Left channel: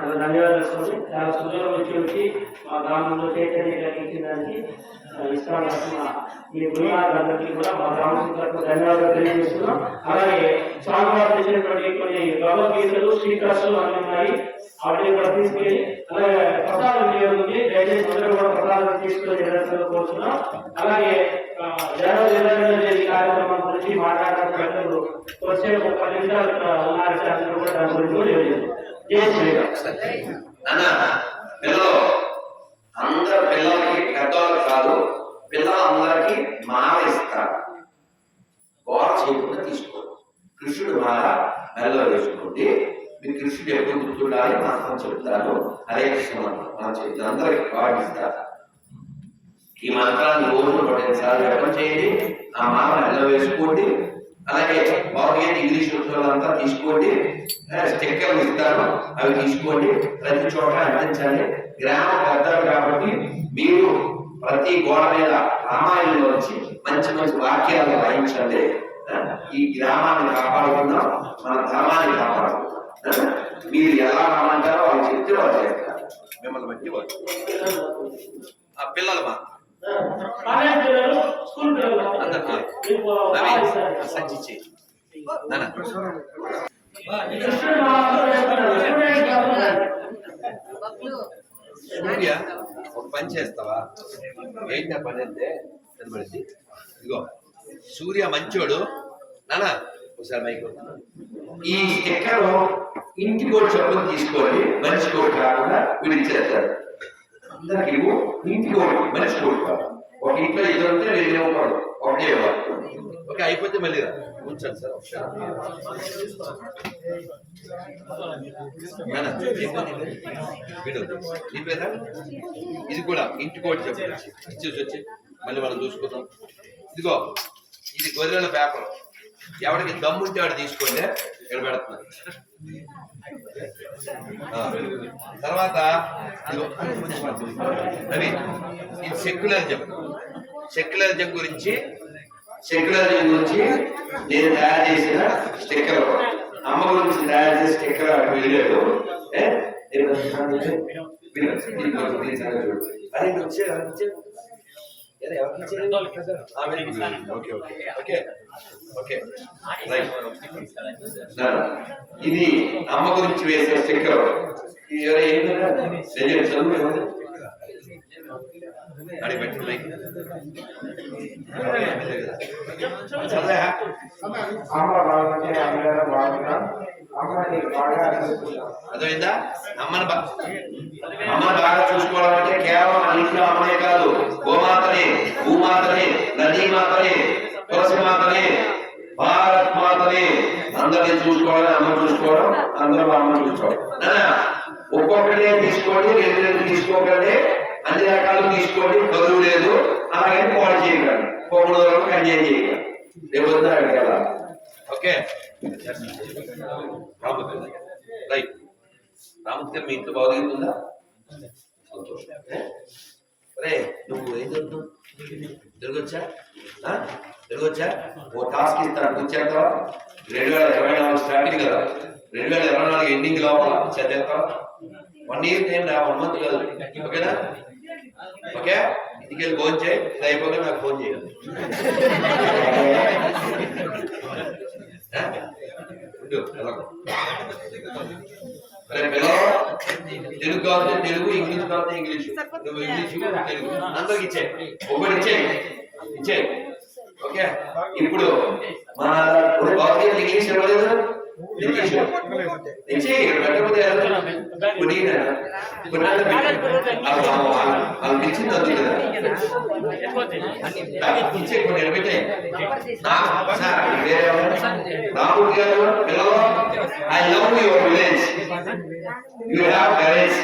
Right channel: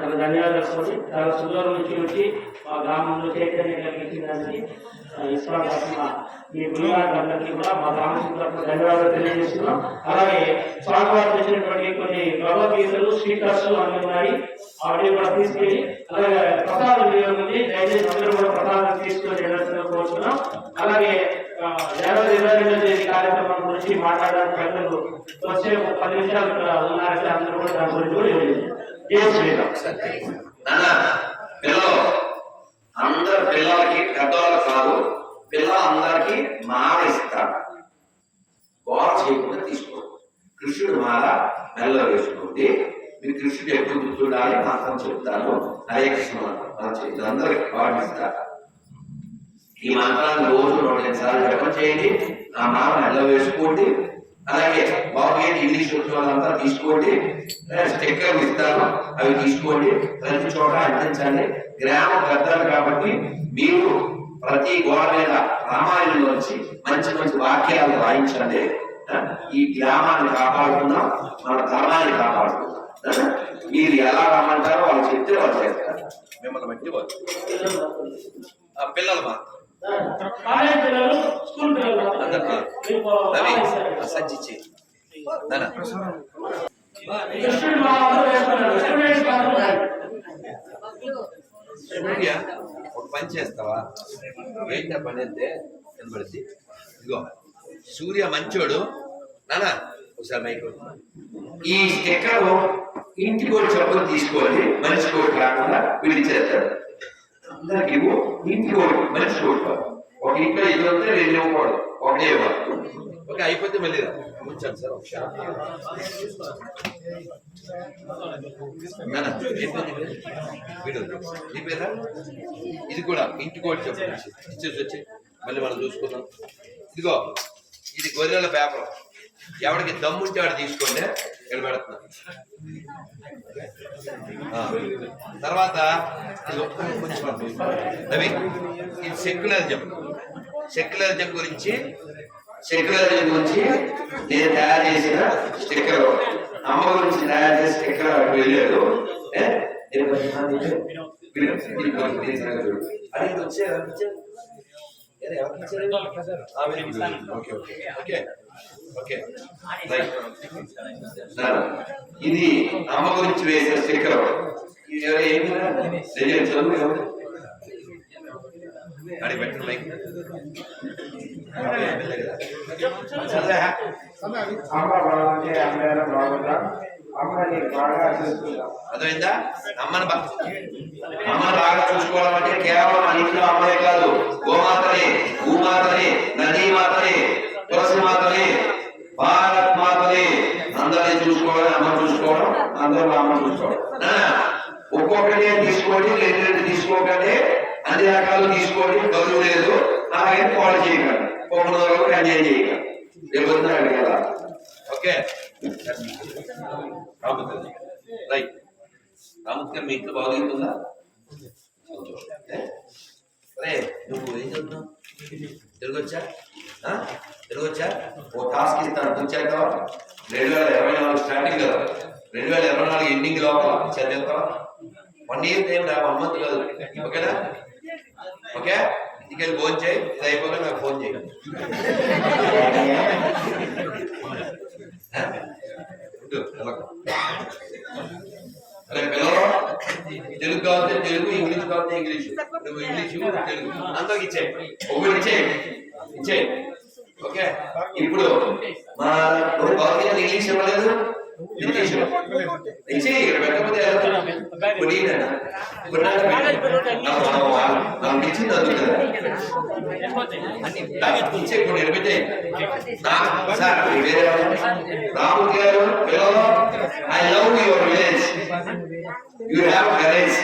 చాలా ధన్యవాదాలు స్వామి చాలా సుందరం నుంచి వచ్చి మా గ్రామంలో చైతన్యం కలిగించడానికి ఇస్లాం తరఫున మీ గురువులందరికీ కూడా మా గ్రామం తరఫున ధన్యవాదాలు తెలియజేస్తున్నాం. అలాగే స్వామివారు చేసినటువంటి కొన్ని భగవద్గీతలు శ్రీకృష్ణులు అన్ని ఉన్నాయి. వాటిని కూడా తీసుకెళ్ళి అలాగే ప్రసాదం వినియోగం ఉంది దయచేసి అందరూ కూడా ప్రసాదం తీసుకొని ఎదుర్కొన్న కోరుతున్నాం అలాగే కార్యక్రమం గురించి మాట్లాడడానికి పెద్దలు వచ్చే ఒక పది నిమిషాలు ఉన్నారు. అందరూ కూడా దాని గురించి నాన్న పిల్లలు అందరు పిల్లలకి పెద్దవాళ్ళు కాదు పిల్లలందరికీ మాల ఇస్తారు. గోడ చేయకుండా తీసుకో కృష్ణుడు మాల మెల్ల వేసుకోండి. మీ కృష్ణుడు ఎప్పుడు గుర్తుండాలి? మాత్రం చెప్తాను. హరే కృష్ణ మనం చెప్తాను అందరికి పాటిస్తారు ఈ మంత్రాన్ని రోజు నూట సార్లు జపం చేయండి. ఆ మామ మెల్ల వేసుకోండి. అలాగే భగవద్గీత ఇంగ్లీష్ ఉద్యోగాలంతా తీసుకోండి. స్టిక్కర్లు ఇస్తారు అవి తీసుకోండి. ప్రతి చోట అందించండి. గ్రామం పెద్దలు కాబట్టి మీరు ప్రతి గోడ మీద రామాయణంలో వచ్చి మంచి మంచి వాక్యాలు రాయించండి ఆ, ఈ గ్రామాన్ని కాపాడుకుందాం. మన ధర్మాన్ని కాపాడుకుందాం. మీరు ఎలా రమ్మంటారో వాళ్ళు చెప్తే వాళ్ళు చేస్తారు. మిమ్మల్ని బట్టి వాళ్ళు. ఆ, పిల్లలు మా కాలేజ్ పిల్లలు స్కూల్ పిల్లలు అందరు. సూర్య ఒక పని చేస్తావా? ఏంటి ఆ పని అంటే కనబడింది. ఇదిగో సూర్య మంచోడు. నానా ఒకసారి మైక్ ఈ స్టిక్కర్ ఇంటికి కూడా చెప్పులు తీసుకోండి మనిషి కోటి కాకుండా విడిచేస్తారు. అందరికి ఇవ్వు ఇంటికి ఒకటి మనిషి కోటి ఒక ఇంట్లో ఎదురు ఉంటే రెండు ఇవ్వకూడదు ఒకటే ఇవ్వాలి. ఓకే అయిపోతే మళ్ళీ రా. ఉంచండి సార్ ఒకసారి నాన్న, నీ పేరా ఇది కూడా ఇంటి కోటి చెప్పండి ఇచ్చేసి వచ్చి మళ్ళీ మనం చూసుకుందాం ఇదిగో ఇది గొర్రెల పేపర్ ఎవరికి దమ్ముంటే వాడు తీసుకోండి ఇక్కడ పెడుతున్నా తర్వాత ఇదిగో, ఇది సెక్యులరిజం సెక్యులరిజం గురించి సెక్యులరిజం గురించి నేను తయారు చేసిన స్టిక్కర్ అమ్మ గురించి తయారు చేసిన స్టిక్కర్ అక్కడ వెళ్ళాడు. ఏ? ఇది ఓకే ఓకే. ఓకే. ఓకే. ఇది అమ్మ గురించి వేసే స్టిక్కర్. ఇది ఎవరు ఏమి చదువు అడిగి పెట్టిన మైక్. అర్థమైందా? అమ్మని అమ్మని బాగా చూసుకోవడం అంటే కేవలం మన ఇంట్లో అమ్మనే కాదు. గోమాతనే భూమాతనే నదీ మాతనే తులసి మాతనే భారత్ మాతనే అందరినీ చూసుకోవడం అమ్మ చూసుకోవడం అందరూ అమ్మ చూసుకోవడం. ఒక్కొక్కటే తీసుకోండి రెండు రెండు తీసుకోకండి. అన్ని రకాలు తీసుకోండి బరువు లేదు. అలాగే పాడు చేయగలరు పొమ్మల వరకు ఎంజాయ్ చేయగలరు రేపు వద్దాడు కదా ఓకే. రామూర్తి రైట్ రామకృష్ణ మీ ఇంట్లో భౌతికత ఉందా సంతోషం అరే నువ్వు ఏం చదువుతున్నావు తిరగొచ్చా? తిరగొచ్చా? ఓ టాస్క్ ఇస్తాను. కూర్చేస్తావా రెండు వేల ఇరవై నాలుగు స్టార్టింగ్ కదా. రెండు వేల ఇరవై నాలుగు ఎండింగ్ లోపల. చదివేస్తావా వన్ ఇయర్ టైం రా? వన్ మంత్ కాదు. ఓకేనా? ఓకే? ఇంటికి వెళ్ళి ఫోన్ చేయి. ఇది అయిపోగా నాకు ఫోన్ చేయి. పిల్లలు తెలుగు కావాలి తెలుగు ఇంగ్లీష్ కావాలి ఇంగ్లీష్. నువ్వు ఇంగ్లీష్ తెలుగు. అందరికి ఇచ్చే ఒకటి ఇచ్చేయి. ఇచ్చేయి. ఓకే? ఇప్పుడు మా ఇప్పుడు భౌతిక ఇంగ్లీష్ ఇవ్వలేదు ఇచ్చింది ఇచ్చే కొన్ని ఎవరు? రాహుల్ గారు పిల్లలు. I love your village. You have courage.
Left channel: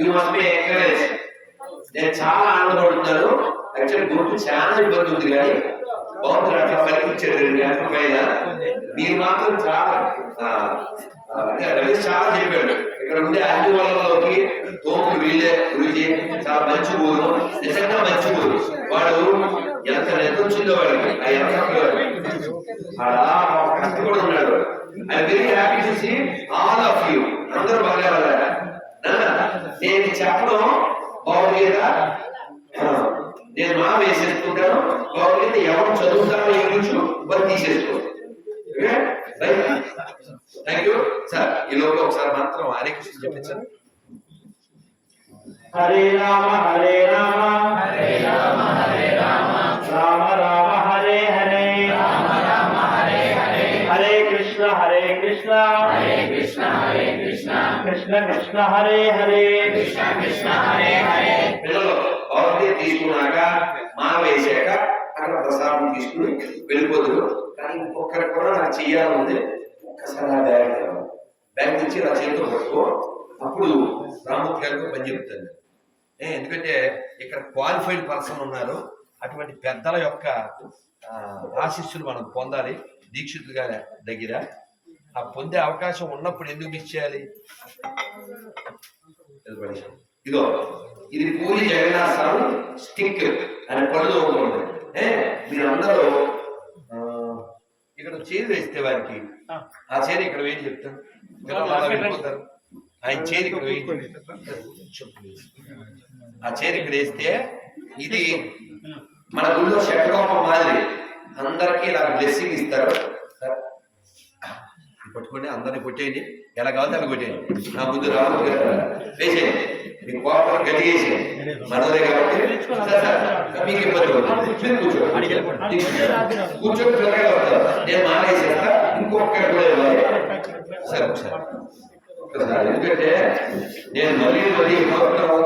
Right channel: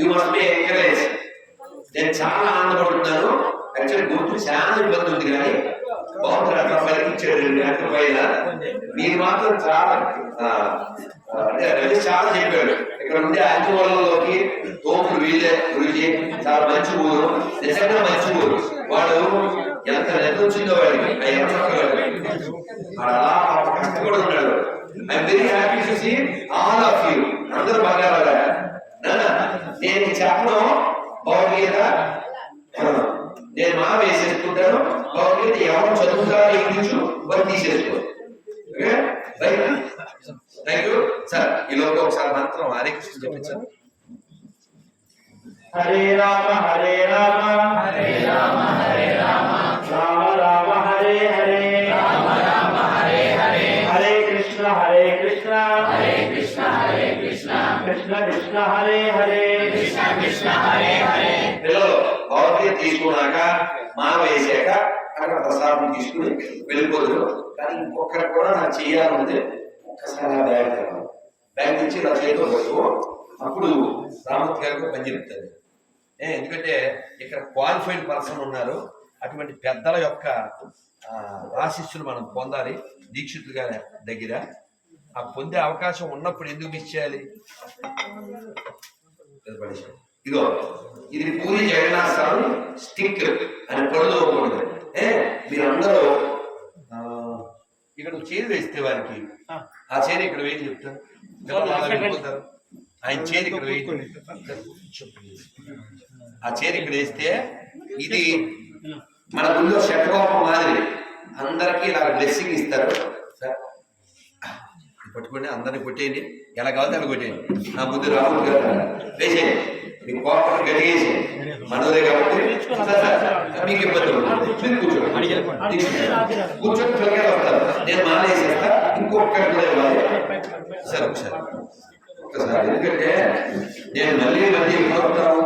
You must be encourage నేను చాలా ఆనందపడుతున్నాను. యాక్చువల్లీ గుర్తు చాలా ఇబ్బంది ఉంది కానీ బాగుంది అట్లా పలికించాడు రెండు గంటల పైన మీరు మాత్రం చాలా ఆ, అంటే రమేష్ చాలా చెప్పాడు. ఇక్కడ ఉండే అన్ని తోపులు వీళ్ళే గురించి చాలా మంచి ఊరు నిజంగా మంచి ఊరు. వాడు ఎంత నిద్ర వచ్చిందో వాడికి ఆ ఎర్రచొక్క వాడు అలా కష్టపడి ఉన్నాడు I very happy to see all of you అందరూ బాగా నేను చెప్పడం భగవద్గీత నేను మా వేసేసుకుంటాను. భగవద్గీత ఎవరు చదువుతారో ఇంగ్లీషు వాళ్ళు తీసేసుకో. థ్యాంక్ యూ సార్ ఈ లోపల ఒకసారి మంత్రం హరే కృష్ణ చెప్పించారు హరే రామ హరే రామ. హరే రామ హరే రామ. రామ రామ హరే హరే. రామ రామ హరే హరే. హరే కృష్ణ హరే కృష్ణ. హరే కృష్ణ హరే కృష్ణ. కృష్ణ కృష్ణ హరే హరే. కృష్ణ కృష్ణ హరే హరే. పిల్లలు భగవద్గీత తీసుకున్నాక మాల వేసాక అక్కడ ప్రసాదం తీసుకుని వెళ్ళిపోదురు కానీ ఇంకొకరు కూడా నాకు ఉంది ఒక్కసారి ఆ బ్యాగ్ తేవాలి. బ్యాగ్ తెచ్చి నా చేతితో పట్టుకో అప్పుడు రామూర్తి గారికి పని చెప్తాను ఏ, ఎందుకంటే ఇక్కడ క్వాలిఫైడ్ పర్సన్ ఉన్నారు. అటువంటి పెద్దల యొక్క ఆశిస్సులు మనం పొందాలి. దీక్షితులు గారి దగ్గర. ఆ పొందే అవకాశం ఉన్నప్పుడు ఎందుకు మిస్ చేయాలి? ఇది ఇది పూరి జగన్నాథ్ స్వామి స్టిక్ అని పనులు మీరు అందరూ ఇక్కడ చేరు వేస్తే వారికి. ఆ. చేరు ఇక్కడ వేసి చెప్తాను వెళ్ళిపోతారు. ఆయన చేరు ఇక్కడ. ఆ చేరు ఇక్కడ వేస్తే ఇది మన గుళ్ళో షట్రూపం మాదిరి అందరికీ ఇలా బ్లెస్సింగ్ ఇస్తారు. సార్ పట్టుకోండి అందరిని కొట్టేయండి. ఎలా కావాలంటే అలా కొట్టేయండి. నా ముందు రామూర్తి గారు వేసేయండి. మీ కోపం గడిగేసి మనదే కాబట్టి మీకు ఇబ్బంది. మీరు కూర్చోండి. కూర్చొని పిల్లకాయలు వస్తారు. నేను మానేసేస్తా. ఇంకొకటి కూడా ఇవ్వాలి. సరే ఒకసారి. ఒకసారి. ఎందుకంటే నేను మళ్ళీ మళ్ళీ కోరుతాను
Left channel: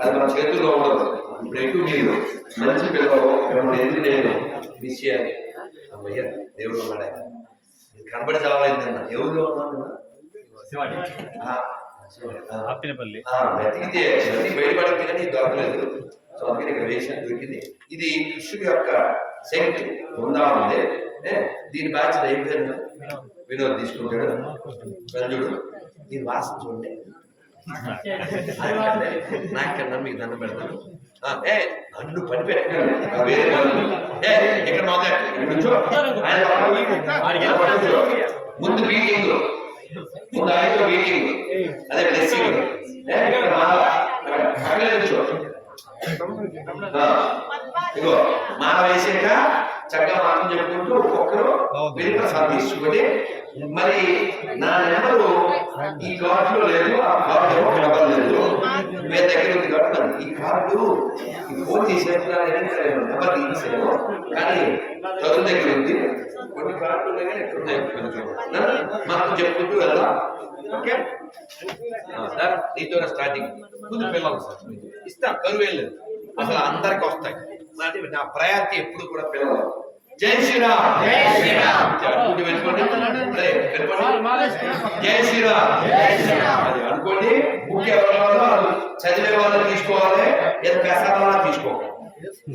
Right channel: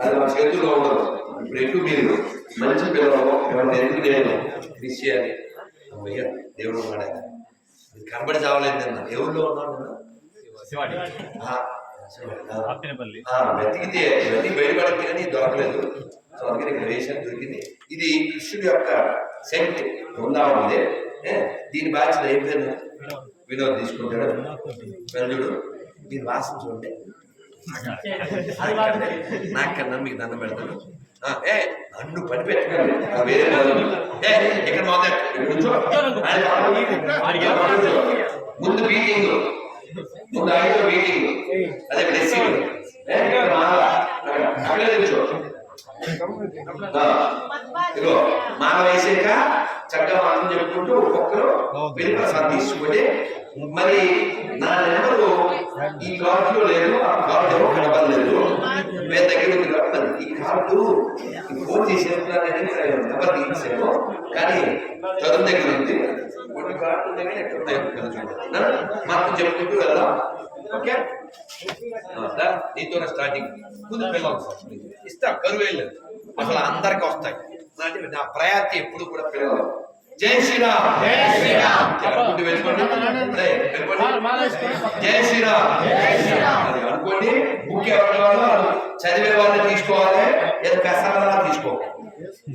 అది మన చేతుల్లో ఉండదు. ఇప్పుడు ఎక్కువ మీరు మంచి పిల్లలు ఎవరిని ఎందుకు నేను. మిస్ చేయాలి. అమ్మయ్య దేవుడు ఇది కనబడి చావాలైందన్న ఎవరిలో ఆ. అప్పినపల్లి ఆ, వెతికితే ఇవన్నీ బయటపడింది కానీ దొరకలేదు. సో అందుకని ఇక్కడ వేషం దొరికింది. ఇది కృష్ణుడి యొక్క శక్తి బృందావనం ఉంది ఏ, దీని బాధ్యత అయిపోయింది వినోద్ తీసుకుంటాడు. రంజుడు దీని వాసన చూడండి. నాకన్నా మీకు దండం పెడతాను. ఆ, ఏ నన్ను పని పెట్టకండి ఇక్కడ కూర్చో. ముందు మీటింగ్ ముందు ఐదో మీటింగ్ అదే బ్లెస్సింగ్ ఇదిగో మాల వేసాక చక్కగా మనం చెప్పుకుంటూ ఒక్కొక్కరు ప్రసాదం తీసుకుంటే మరి నా నెంబరు ఈ కార్డు లో లేదు ఆ కార్డు ఏమో కనబడలేదు మీ దగ్గర ఉంది కాబట్టి ఈ కార్డు ఫోన్ చేసేప్పుడు నెంబర్ తీసేమో కానీ చదువు దగ్గర ఉంది. కొన్ని ఉన్నాయి కొంచెం చూడండి. మాకు చెప్పుకుంటూ వెళ్దాం. ఓకే? ఆ, దా, నీతోనే స్టార్టింగ్ ముందు పిల్లలు సార్ ఇస్తా కరువు వెళ్ళలేదు అసలు అందరికి వస్తాయి. అంటే నా ప్రయారిటీ ఎప్పుడు కూడా పిల్లలు జై శ్రీరామ్. జై శ్రీరామ్. అనుకుంటూ వెళ్ళిపోండి. జై శ్రీరామ్. అది అనుకోండి వాళ్ళు చదివే వాళ్ళని తీసుకోవాలి. లేదా పెసరాలా తీసుకోవాలి.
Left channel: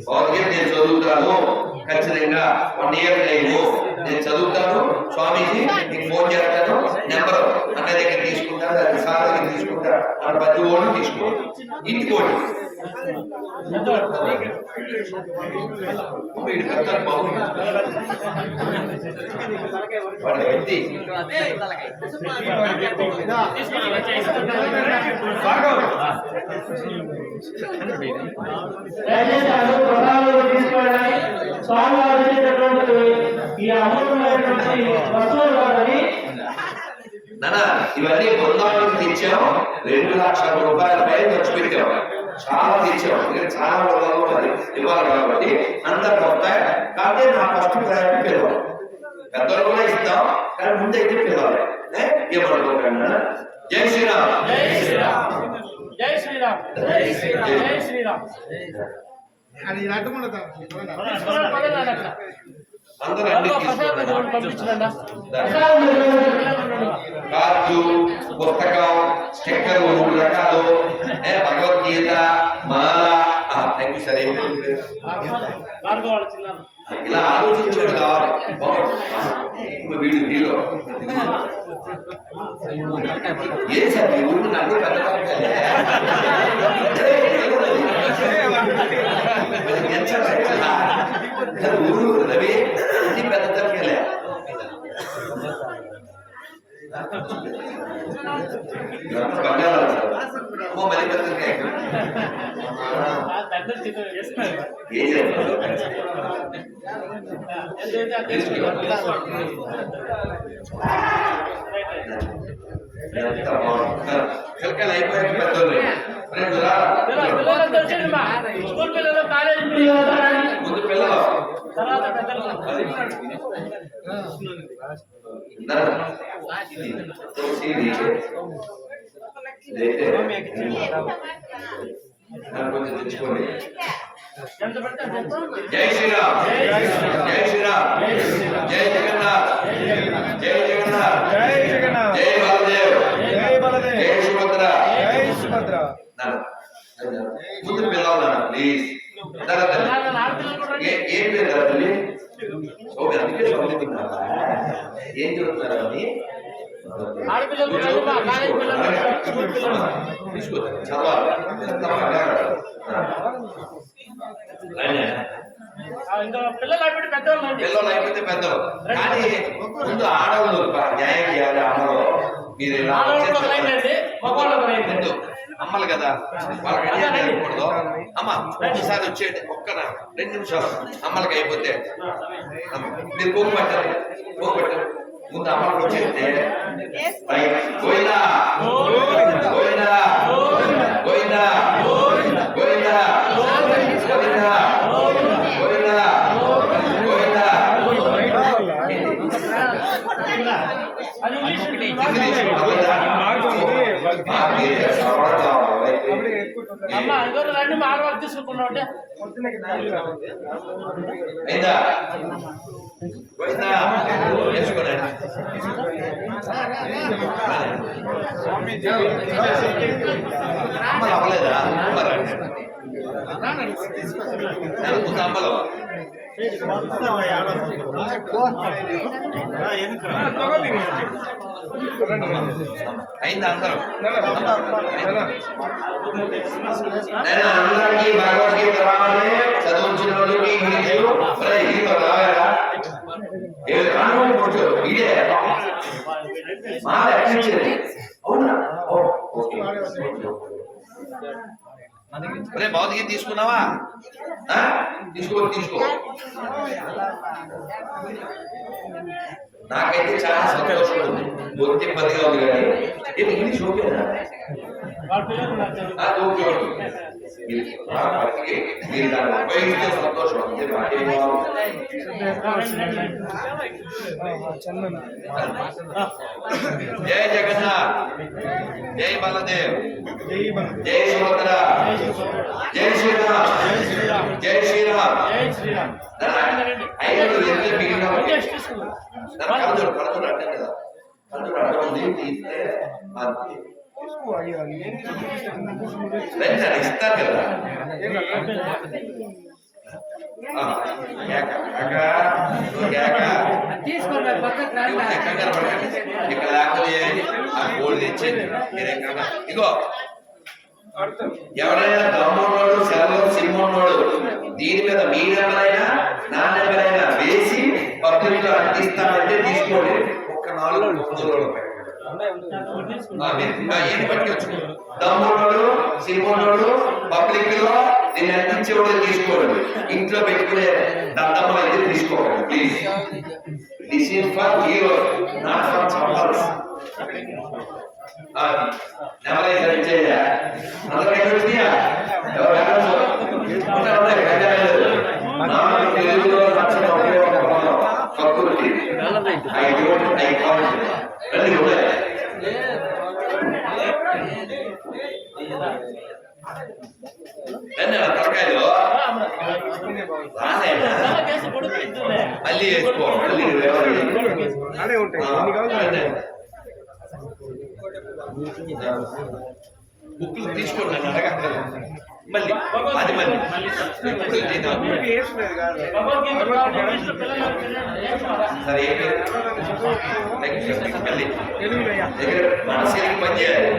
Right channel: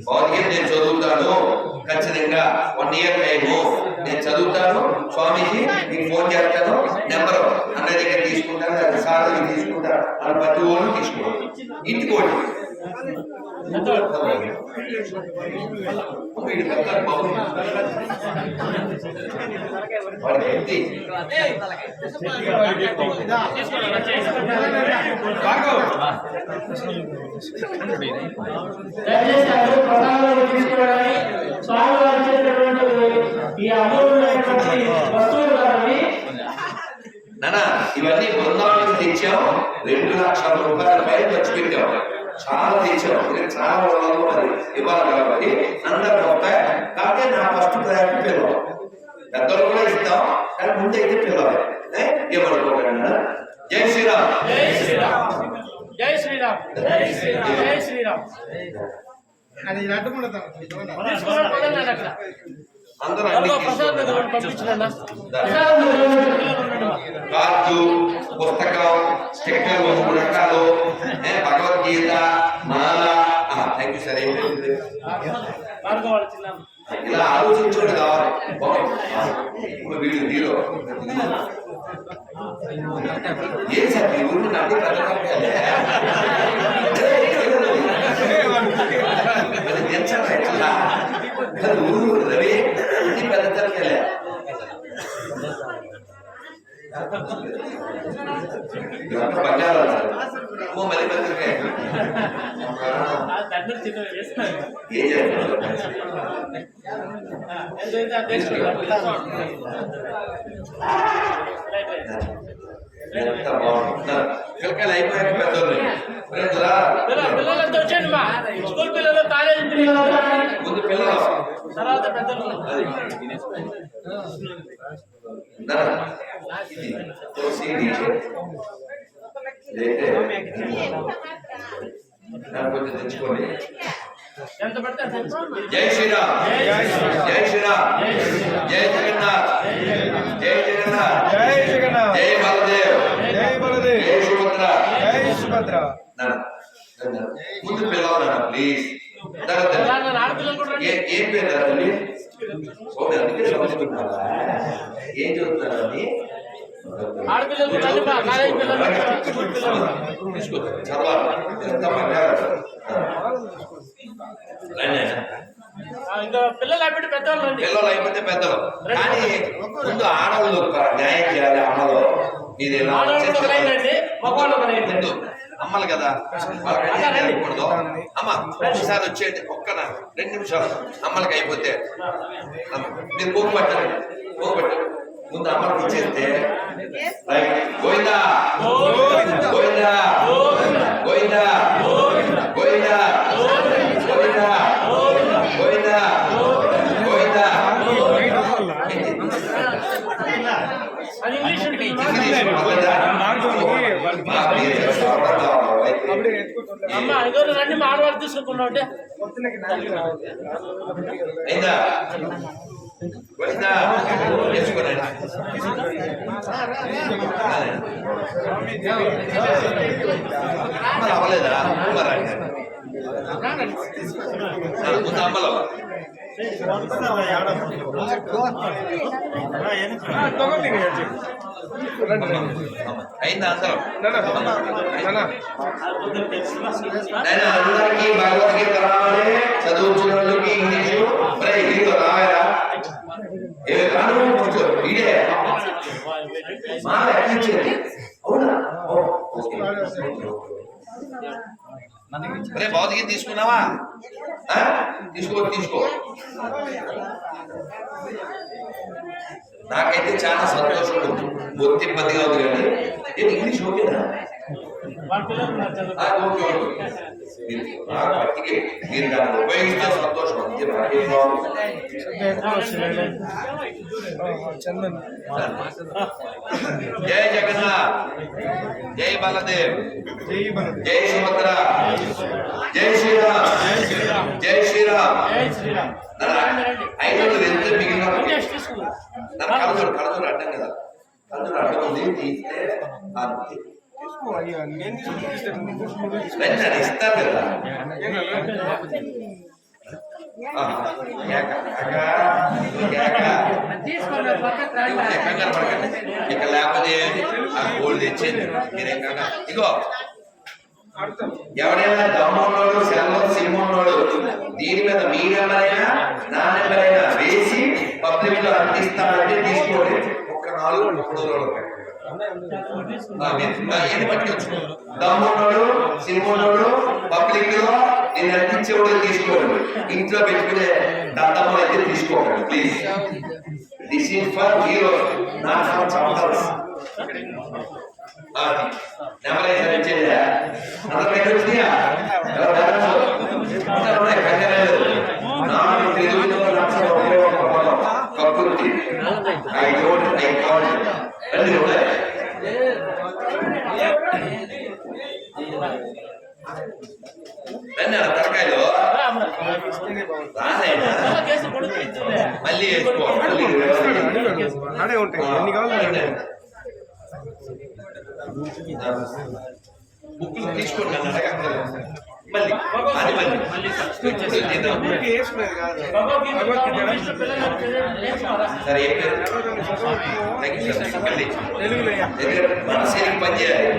భగవద్గీత నేను చదువుతాను. ఖచ్చితంగా వన్ ఇయర్ టైము నేను చదువుతాను. స్వామీజీ మీకు ఫోన్ చేస్తాను. నెంబర్ అన్న దగ్గర తీసుకుంటాను సార్ దగ్గర తీసుకుంటాను. అలా ప్రతి ఓళ్ళు తీసుకోండి ఇంటికోండి వీడి స్వామివారు ఈ అమూల్యమైనటువంటి వస్తువులు నానా ఇవన్నీ బృందావనికి తెచ్చాం. రెండు లక్షల రూపాయల పైన ఖర్చు పెట్టాం చాలా ఎందుకంటే చాలా ఊళ్ళలో మరి ఇవ్వాలి కాబట్టి అందరు వస్తాయి కాబట్టి నా ఫస్ట్ ప్రయారిటీ పిల్లలు. పెద్దలు కూడా ఇస్తాం కానీ ముందు అయితే పిల్లలు? ఏమనుకోకండి జై శ్రీరామ్. జై శ్రీరామ్. జై శ్రీరామ్. జై శ్రీరామ్. జై శ్రీరామ్. అది అక్కడ. అందరూ పంపించండి కార్డు పుస్తకం స్టిక్కర్ మూడు రకాలు. భగవద్గీత మాల. థ్యాంక్ యూ సార్ ఏం ఇలా ఆలోచించోడు కావాలి. వీడు హీరో. ఏం సార్ మీ ఊరిని నన్ను పెద్ద ఊరు రవి ఇది పెద్ద తలకాయలే ఇదంతా పంజాబ్ సార్ ఎంత బాగుంది. పిల్లకాయలు అయిపోయాక పెద్దోళ్ళు. స్కూల్ పిల్లలు కాలేజీ పిల్లలు ముందు పిల్లలు. తర్వాత పెద్దలు. అది. ఇదైతే. కొంచెం తెచ్చుకోండి. జై శ్రీరామ్. జై శ్రీరామ్. జై జగన్నాథ్ జై జగన్నాథ్. జై జగన్నాథ్. జై బలదేవ్. జై బలదేవ్. జై సుభద్ర. జై సుభద్ర. ముందు పిల్లలు నాన్న ప్లీజ్. ఏ- పేరు తల్లి? ఓకే అందుకే చదువుతున్నావా ఏం చదువుతున్నారా అని ఆడపిల్లలు కూడా రండి మా కాలేజీ పిల్లలు స్కూల్ పిల్లలు తీసుకో చదవాలి ఎంత మర్యాద. రండి. ఆ, ఇంకా పిల్లలు అయిపోతే పెద్దలు కానీ ముందు ఆడవాళ్ళు న్యాయం చేయాలి అమ్మలో. రండి. ముందు అమ్మలు కదా వాళ్ళకి అన్యాయం జరగకూడదు. అమ్మ ఒకసారి వచ్చేయండి. ఒక్క నా- రెండు నిమిషాలు. అమ్మలకి అయిపోతే. మీరు పోగు పట్టండి. పోగు పట్టండి ముందు అమ్మలకు వచ్చేస్తే. రైట్. గోవిందా. గోవిందా. గోవిందా. గోవిందా. గోవిందా. అమ్మలు అవ్వలేదా అమ్మలు రండి ముందు అయిందా అందరం నేను అందరికీ భగవద్గీత రావాలి చదువుతున్న వాళ్ళకి ఇంగ్లీషు మరి హీరో రావాలా ఏ కానుకోండి కొంచెం ఇదే మా అడ్మిషన్ అవునా ఓ, ఓకే. ఒరే భౌతికి తీసుకున్నావా ఆ? తీసుకో తీసుకో నాకైతే చాలా సంతోషం ఉంది బొత్తి ఇబ్బందిగా ఉంది కానీ ఏంటి ఇంగ్లీష్ ఓకేనా వాళ్ళ పిల్లలు ఉన్నారు చదువు ఆ, ఓకే ఓకే మీరు ఆ భక్తికి మీరు దాన్ని ఉపయోగిస్తే సంతోషం అంతే నాకేం కావాలి చందన్ జై జగన్నాథ్ జై బలదేవ్ జై బలదేవ్ జై సుభద్ర జై శ్రీరామ్ జై శ్రీరామ్ జై శ్రీరామ్ ఐదు వెళ్తే మిగిలిన వాళ్ళకి ఓకే తీసుకున్నా నన్ను కలదూరు కలదూరు అడ్డం కదా కలదూరు అడ్డం ఉంది తీస్తే అంతే రండి ఇస్తారు కదా. ఇక్కడ లేకపోతే ఆ గోల్డ్ తెచ్చేది మీరేం కాక ఇగో ఆడతాను ఎవరైనా దమ్మున్నోడు సెలవు సిమ్మున్నోడు దీని మీద మీ నెంబర్ అయినా నా నెంబర్ అయినా వేసి పబ్లిక్లో అందిస్తానంటే తీసుకోండి. ఒక్క నాలుగు మూడు రోజులు సిమ్మున్నోడు పబ్లిక్లో నేను అందించేవాడు తీసుకోండి. ఇంట్లో పెట్టుకునే దద్దమ్మలు అయితే తీసుకోకండి please this is for hero not for summers అది నెంబర్ అయితే వచ్చేదా అందరూ ఎక్కడ వచ్చినాయా ఎవరు రాలేదు? ఉంటా, ఉంటా, కంగారు లేదు. నాకు తెలుగులో నచ్చిన ఒకే ఒక పదం, ప్రకృతి ఐ డోంట్ ఐ కాంట్ రండి ఉన్నాయి రండి ఆ తలకాయలు రానైనా కేసు కొడుకు ఇచ్చిందే మళ్ళీ వేసుకో మళ్ళీ వేసుకో. ఆడే ఉంటాయి ఎన్ని కావాలి ఆడే ఉంటాయి. బుక్లు తీసుకోండి నన్ను అడగక్కర్లేదు మళ్ళీ. అది మళ్ళీ. సరే. ఏ పేరు పని చేయాలి.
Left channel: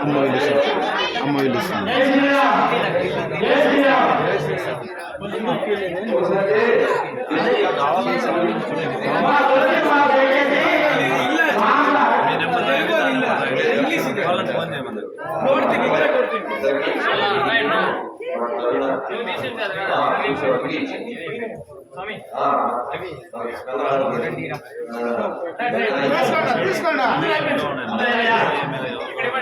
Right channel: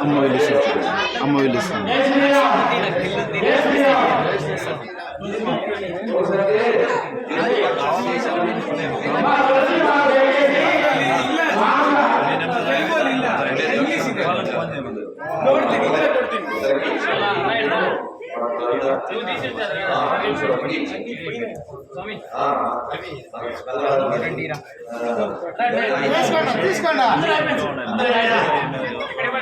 అమ్మ వీళ్ళు అమ్మ వీళ్ళు జై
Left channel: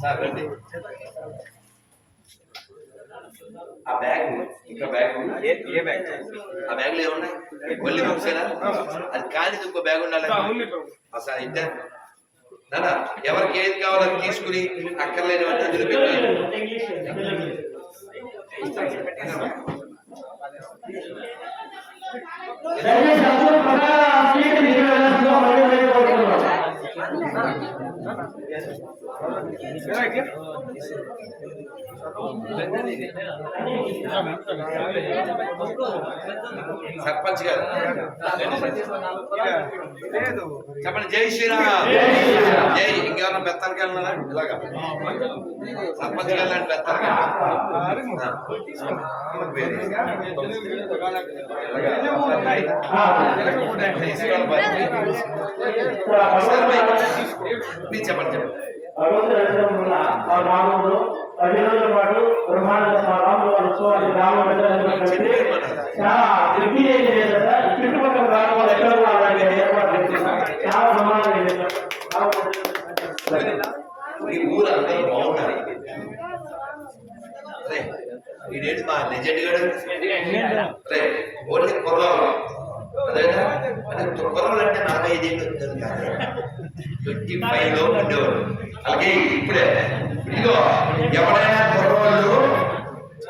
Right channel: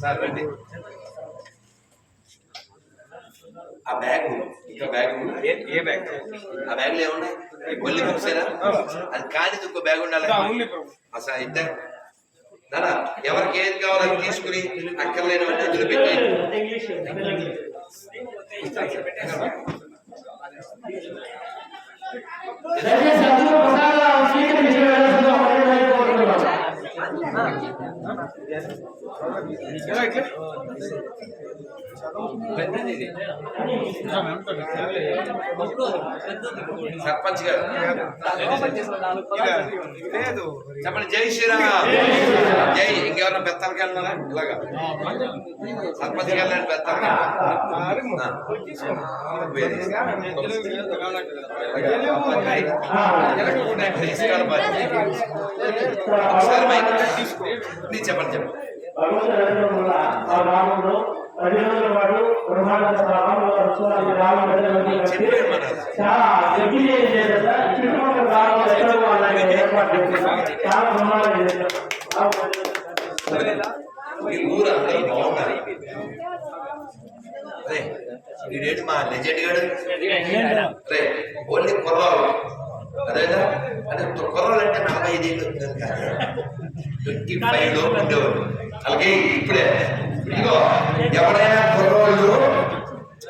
సార్ రండి ఆ బ్యాగ్ ఇంకా బ్యాగ్ ఏ బ్యాగ్? ఆ బ్యాగ్లో ఏమున్నాయి ఒల్లి బుక్సేనా? అది కానీ ఇంకో బ్యాగ్ ఉండాలి. అసలు అయితే నానా ఎవరికి ఏది కావాలని తీసుకుని అక్కర్లేనివన్నీ పెట్టి ఇంగ్లీష్. దయచేసి అందరూ ప్రసాదం స్వీకరించవలసిందిగా సర్పంచ్ గారు లేదు చెప్పండి జై శ్రీరామ్ జై ఇంకెవరన్నా పెత్తానికి వెళ్ళినారా ఇలాగా సర్పంచ్ వెళ్ళండి లాంటి పెత్తానికి తీసుకెళ్ళి చెప్పండి చెప్పండి. భగవంతుడు అనుగ్రహం వల్ల ఆ గ్రామంలో పది రోజుల పాటు బ్రహ్మాండ రాముల వారి ఉత్సవానికి గ్రామం పెద్దలందరూ కలిసి చాలా దిగ్విజయం చేశారు సార్. ఈ చుట్టుపక్కల గ్రామాలు ఎక్కడ కూడా అలాంటి ఏర్పాట్లు లేవు. చాలా బ్రహ్మాండంగా చేశారు. బాగుంది. మీ ఊరు అందరూ బాగున్నారు రే వీడేంటి మా లెజెండ్ గాడు రే ఓన్లీ కుర్రాలు అదేనా అంటే కుర్రాలు అంటే నలభై ఐదు ఏళ్ళు ఉంటుంది కాదు ట్వంటీ ఫైవ్లో ఉండేవారు అలాగే ఇప్పుడే ఇదిగో ఎవరైనా కుర్రోళ్ళు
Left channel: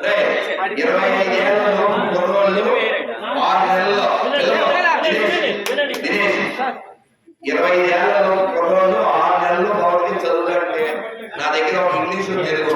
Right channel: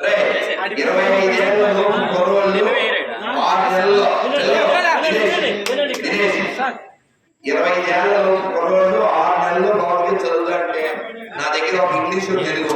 రే ఇరవై ఐదు ఏళ్ళ లోపు కుర్రోళ్ళు ఆరు నెలల్లో దినేష్, దినేష్, ఇరవై ఐదు ఏళ్ళ కుర్రోళ్ళు ఆరు నెలల్లో భగవద్గీత చదువుతుంటే నా దగ్గర ఒక ఇంగ్లీష్ తెలుగు